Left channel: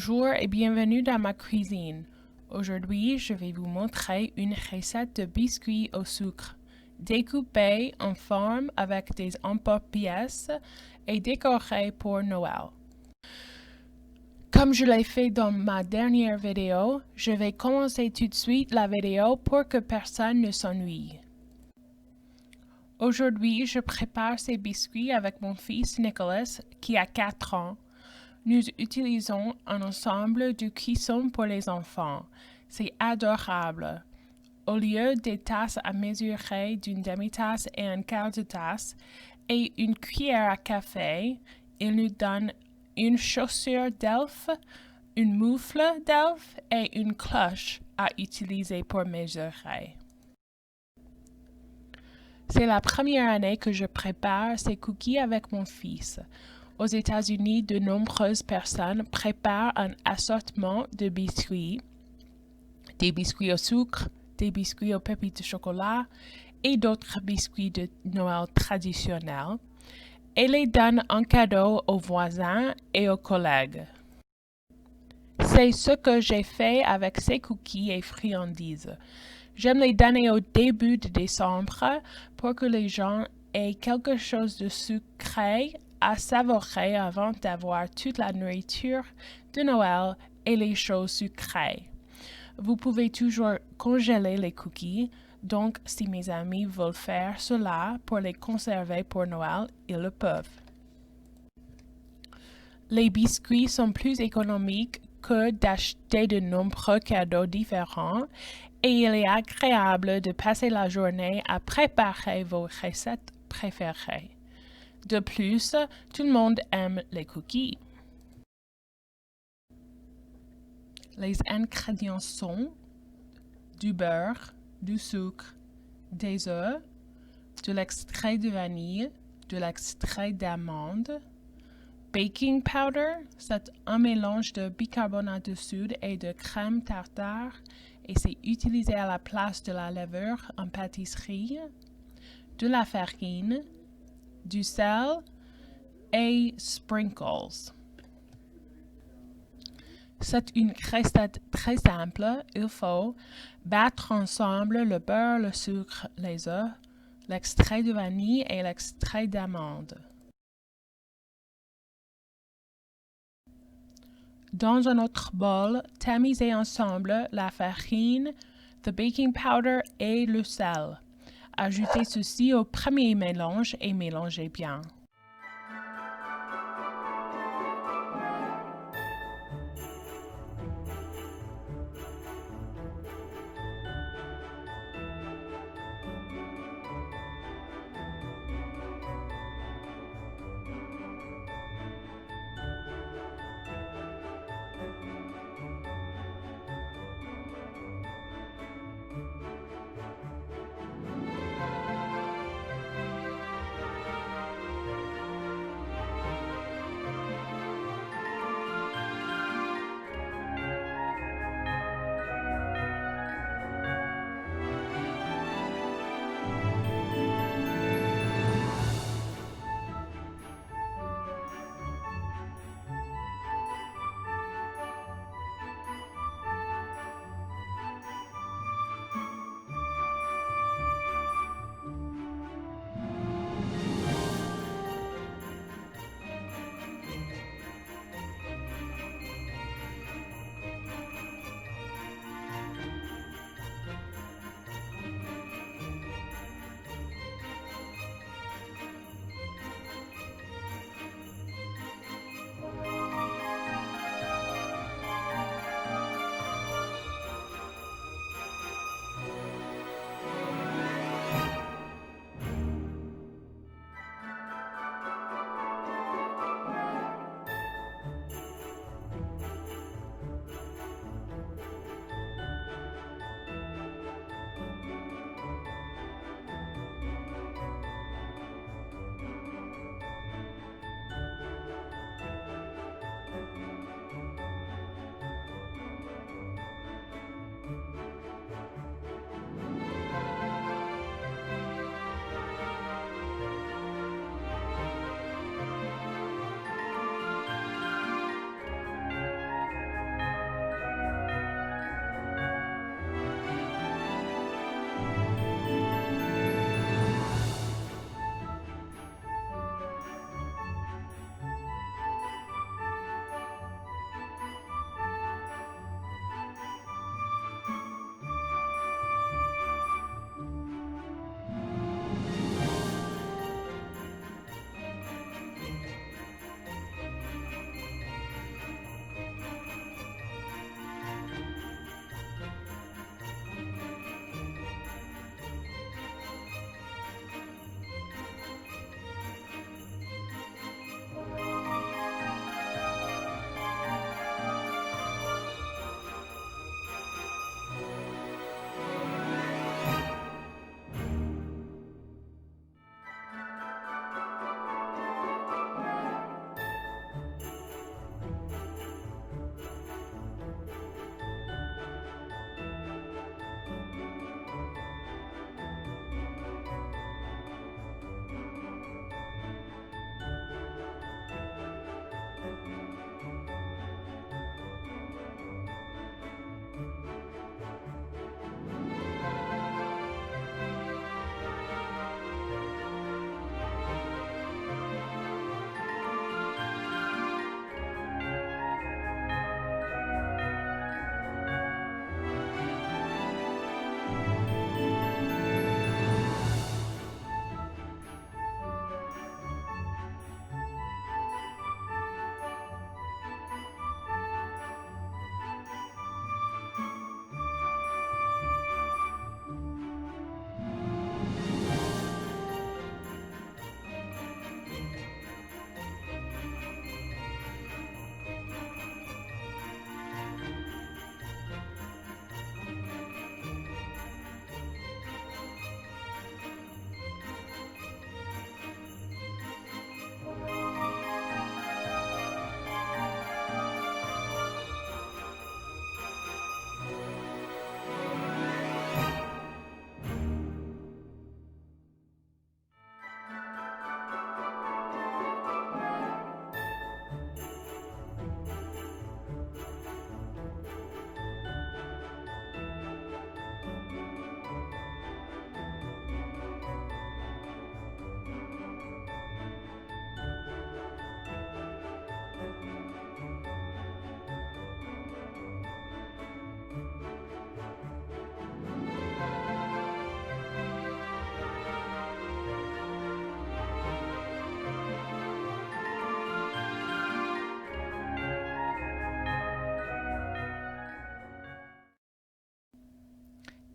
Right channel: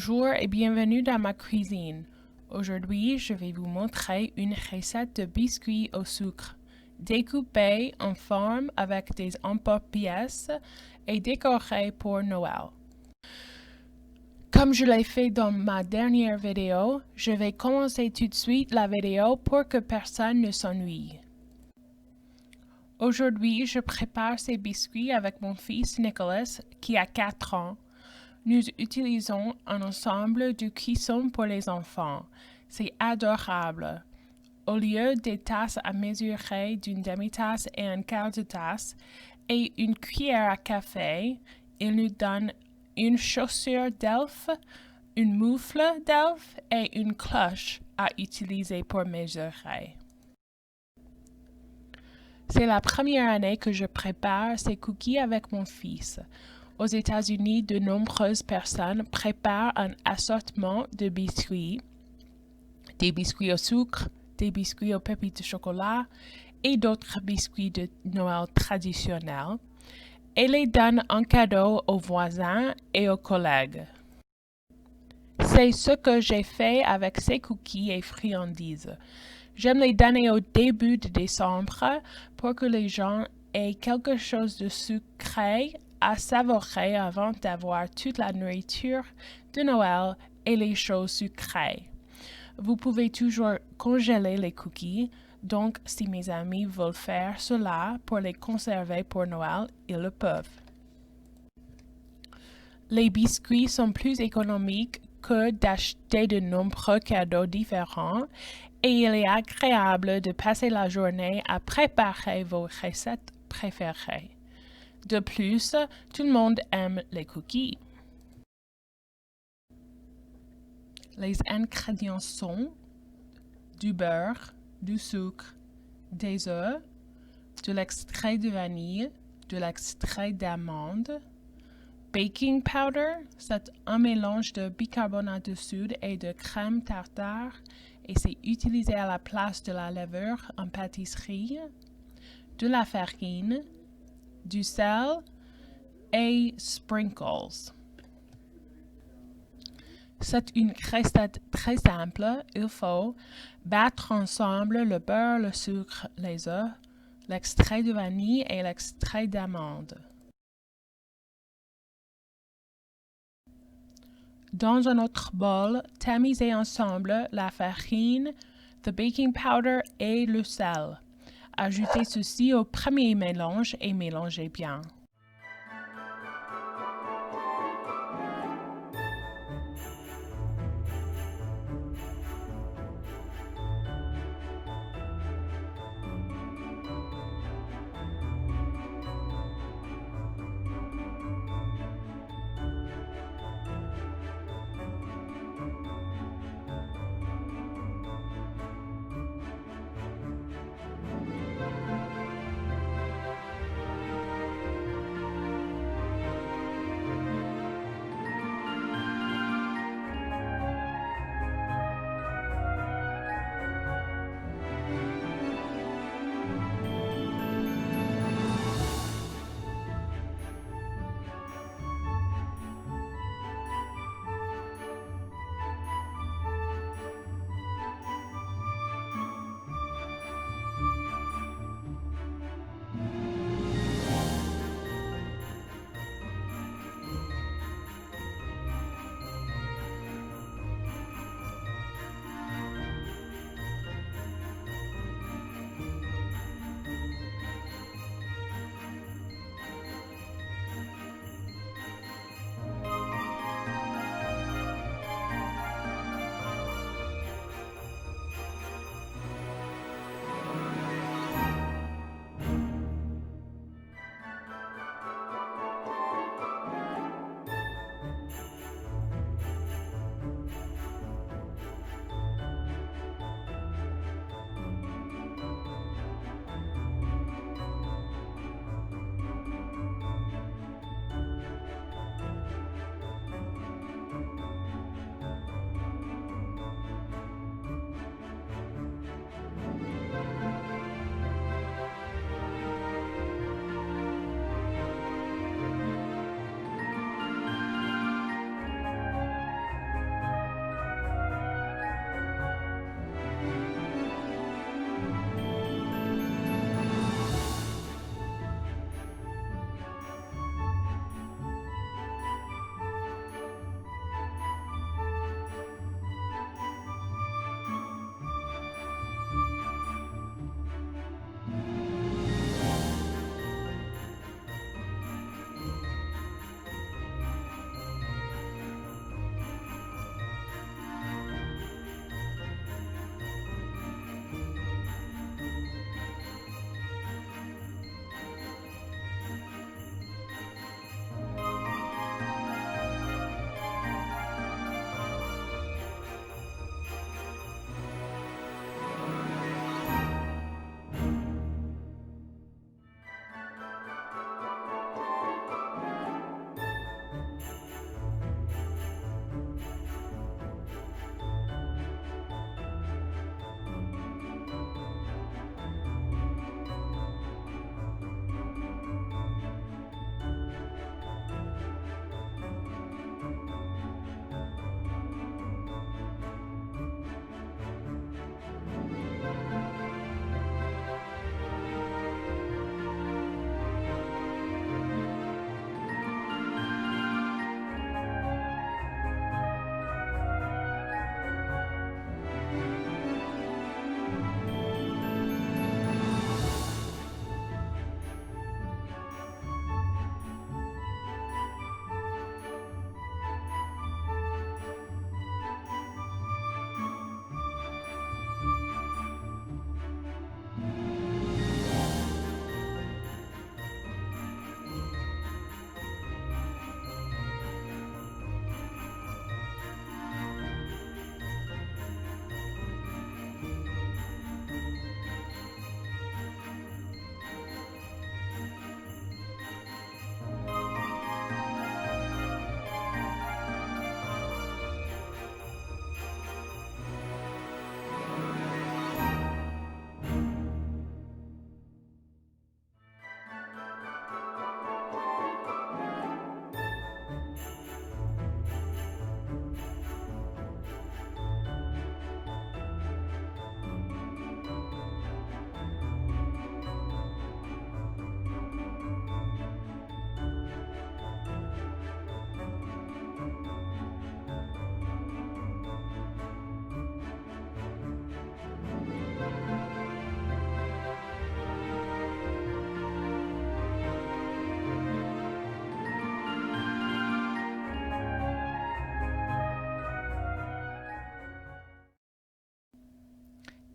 Bonjour et bienvenue dans ma cuisine. Aujourd'hui, je vais vous montrer une recette de biscuits au sucre, découpés en forme avec des emporte-pièces et décorés pour Noël. Comme je l'ai fait dans ma dernière vidéo, je vais commencer tout de suite la vidéo pour que personne ne s'ennuie. Aujourd'hui, je prépare ces biscuits avec mon fils Nicholas qui a 4 ans. Nous utilisons un ensemble de cuisson pour les enfants. C'est adorable. Au lieu des tasses à mesurer d'une demi-tasse et un quart de tasse et une cuillère à café, il nous donne une chaussure d'elfe, une moufle d'elfe et une cloche à utiliser pour mesurer. C'est la première année que je prépare ces cookies avec mon fils. Aux États-Unis, de nombreuses personnes préparent un assortiment de biscuits, des biscuits au sucre, des biscuits aux pépites de chocolat et d'autres biscuits de Noël traditionnels, et les donnent en cadeau aux voisins et aux collègues. C'est ce que j'ai fait avec ces cookies et friandises. J'aime les donner au début de décembre pour que les gens aient quelque chose de sucré à savourer avant d'avoir toute la nourriture de Noël et les choses sucrées. Vous pouvez toujours congeler les cookies, donc si mes amis veulent faire cela pour les conserver pour Noël, ils le peuvent. Les biscuits sont plus économiques que d'acheter de nombreux cadeaux différents et il est agréable de passer la journée à préparer vos recettes préférées. De plus, tout le monde aime les cookies. Les ingrédients sont du beurre, du sucre, des œufs, de l'extrait de vanille, de l'extrait d'amande, baking powder, c'est un mélange de bicarbonate de soude et de crème tartare et c'est utilisé à la place de la levure en pâtisserie, de la farine, du sel et sprinkles. C'est une recette très simple. Il faut battre ensemble le beurre, le sucre, les œufs, l'extrait de vanille et l'extrait d'amande. Dans un autre bol, tamisez ensemble la farine, le baking powder et le sel. Ajoutez ceci au premier mélange et mélangez bien.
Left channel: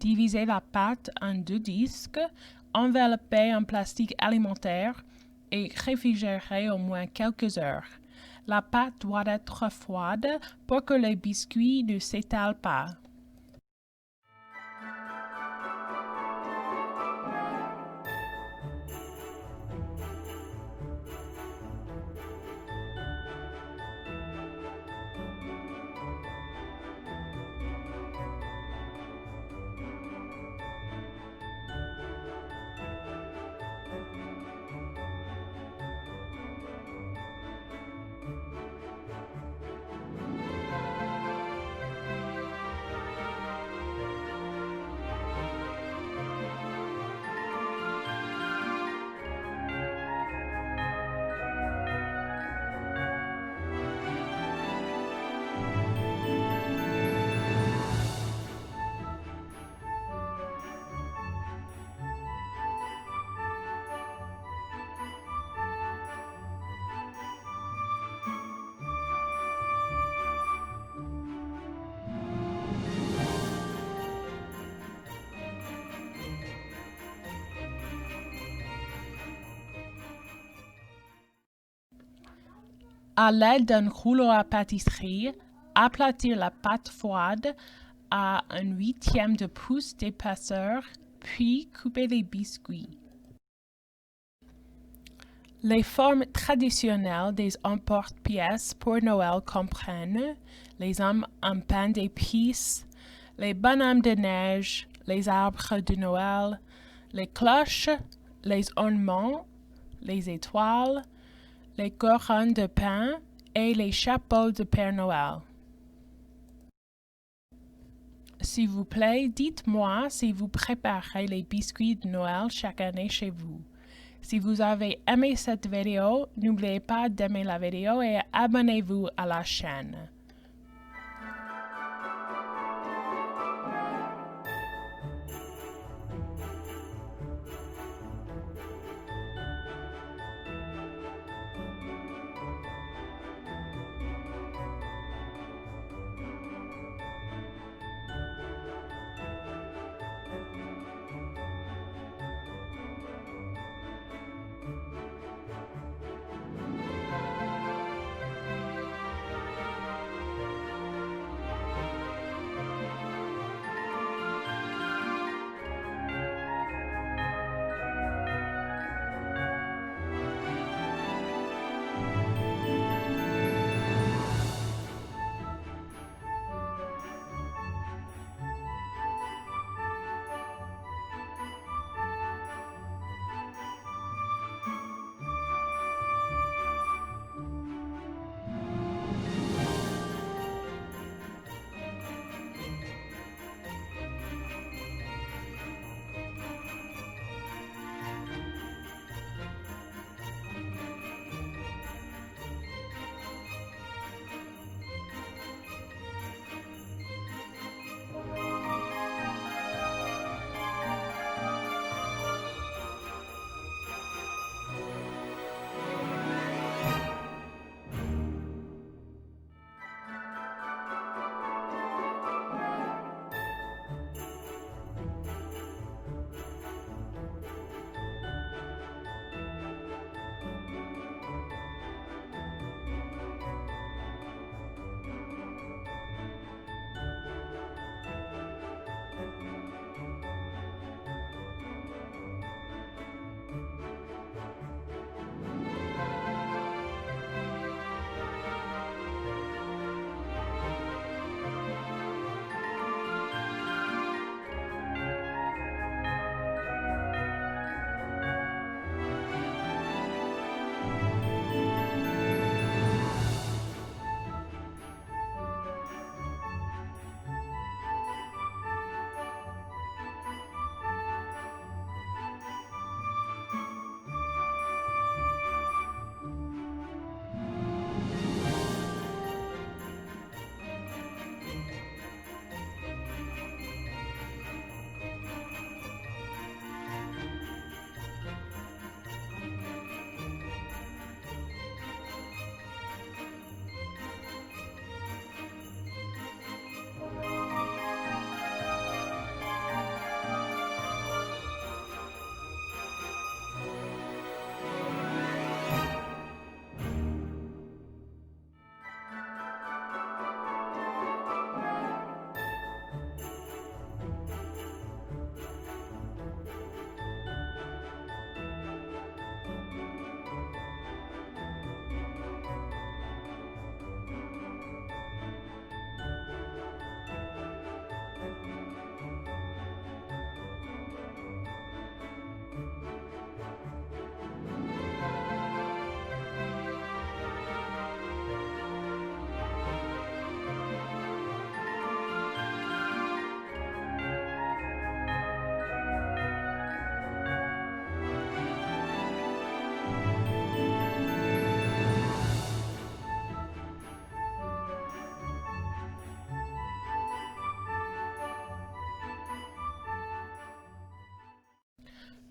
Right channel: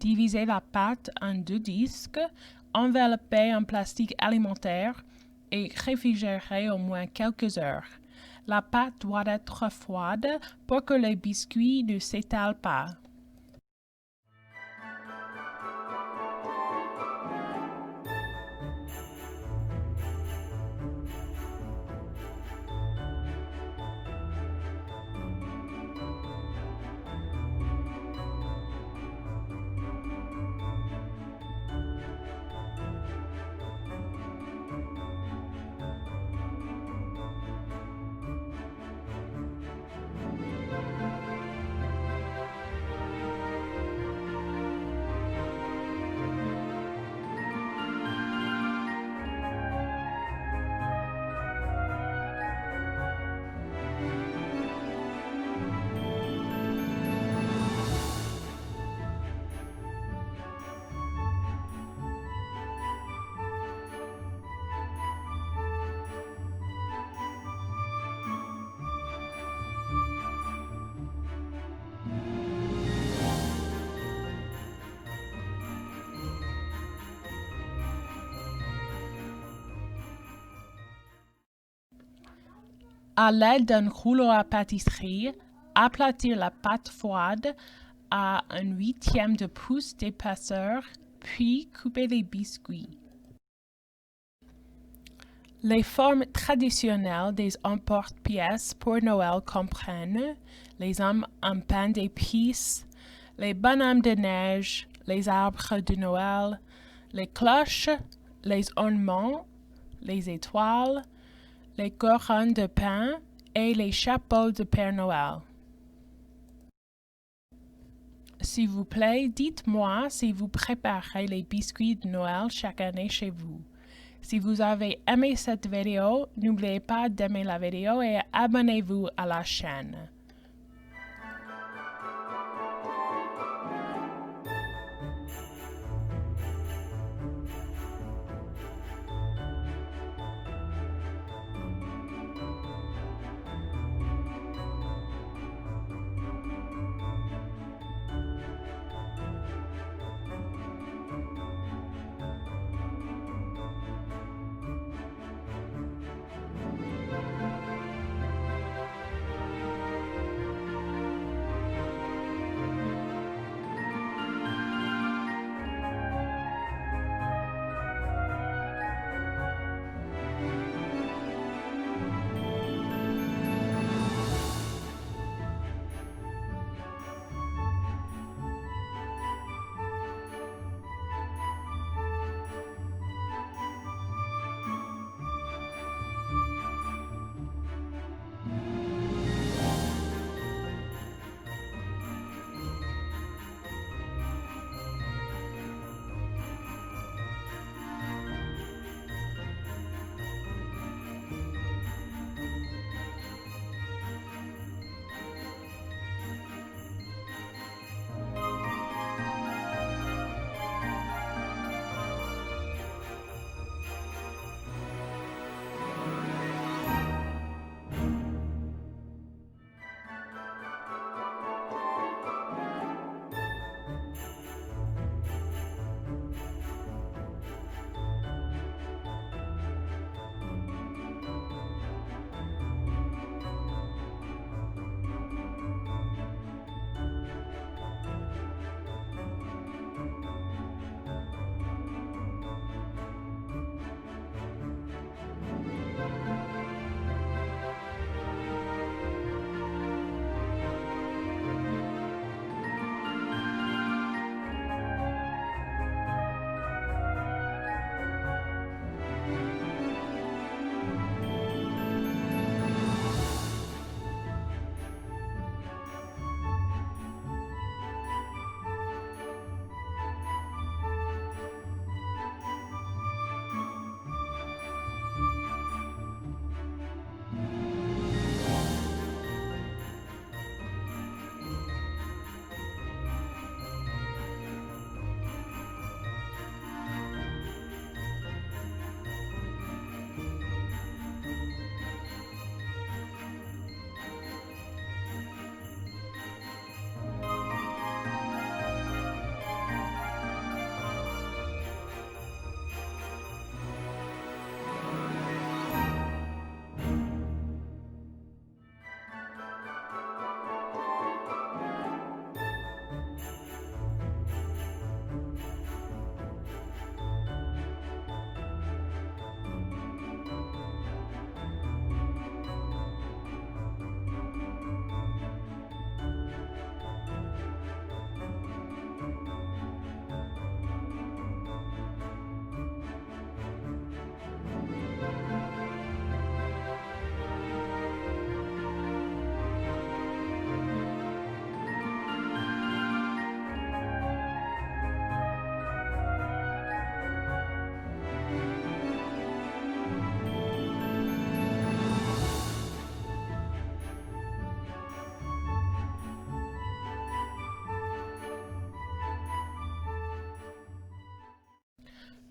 Divisez la pâte en 2 disques, enveloppez en plastique alimentaire et réfrigérez au moins quelques heures. La pâte doit être froide pour que les biscuits ne s'étalent pas. À l'aide d'un rouleau à pâtisserie, aplatir la pâte froide à 1/8 de pouce d'épaisseur, puis couper les biscuits. Les formes traditionnelles des emporte-pièces pour Noël comprennent les hommes en pain d'épices, les bonhommes de neige, les arbres de Noël, les cloches, les ornements, les étoiles, les couronnes de pain et les chapeaux de Père Noël. S'il vous plaît, dites-moi si vous préparez les biscuits de Noël chaque année chez vous. Si vous avez aimé cette vidéo, n'oubliez pas d'aimer la vidéo et abonnez-vous à la chaîne.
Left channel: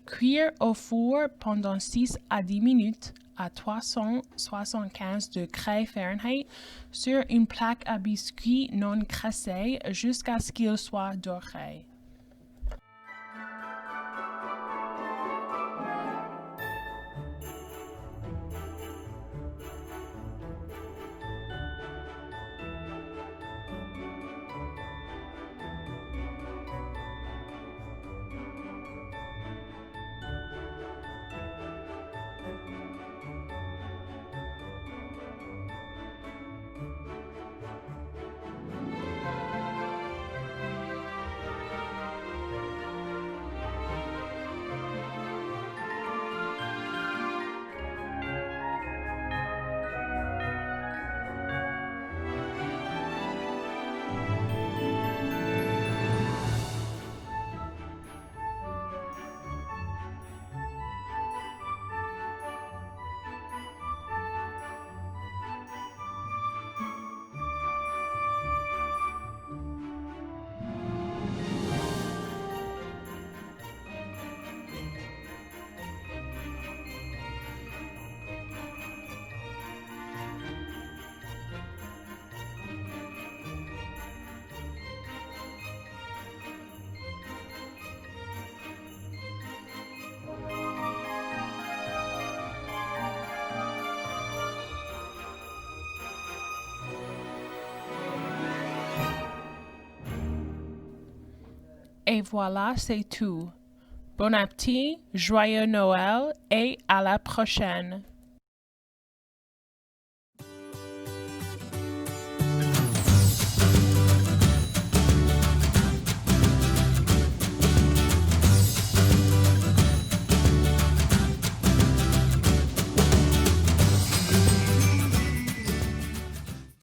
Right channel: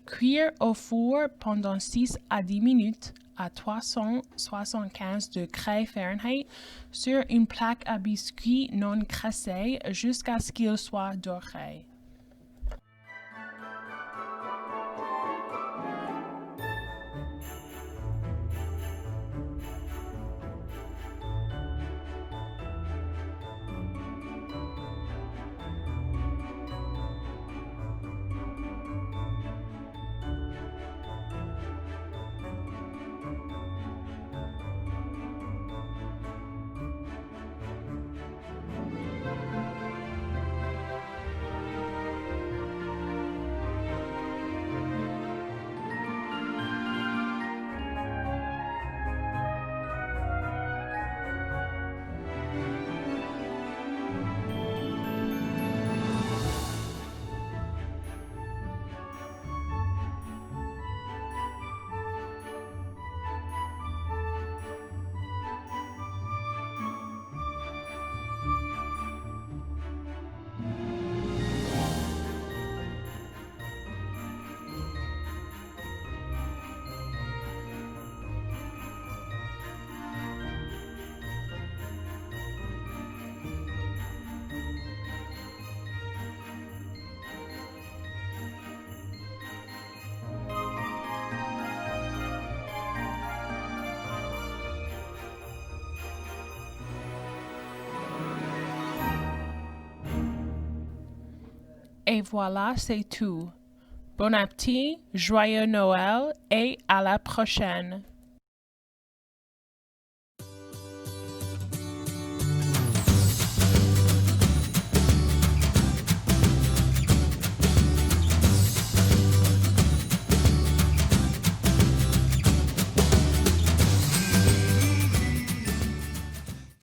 Cuire au four pendant 6 à 10 minutes à 375 degrés Fahrenheit sur une plaque à biscuits non cassée jusqu'à ce qu'il soit doré. Et voilà, c'est tout. Bon appétit, joyeux Noël et à la prochaine.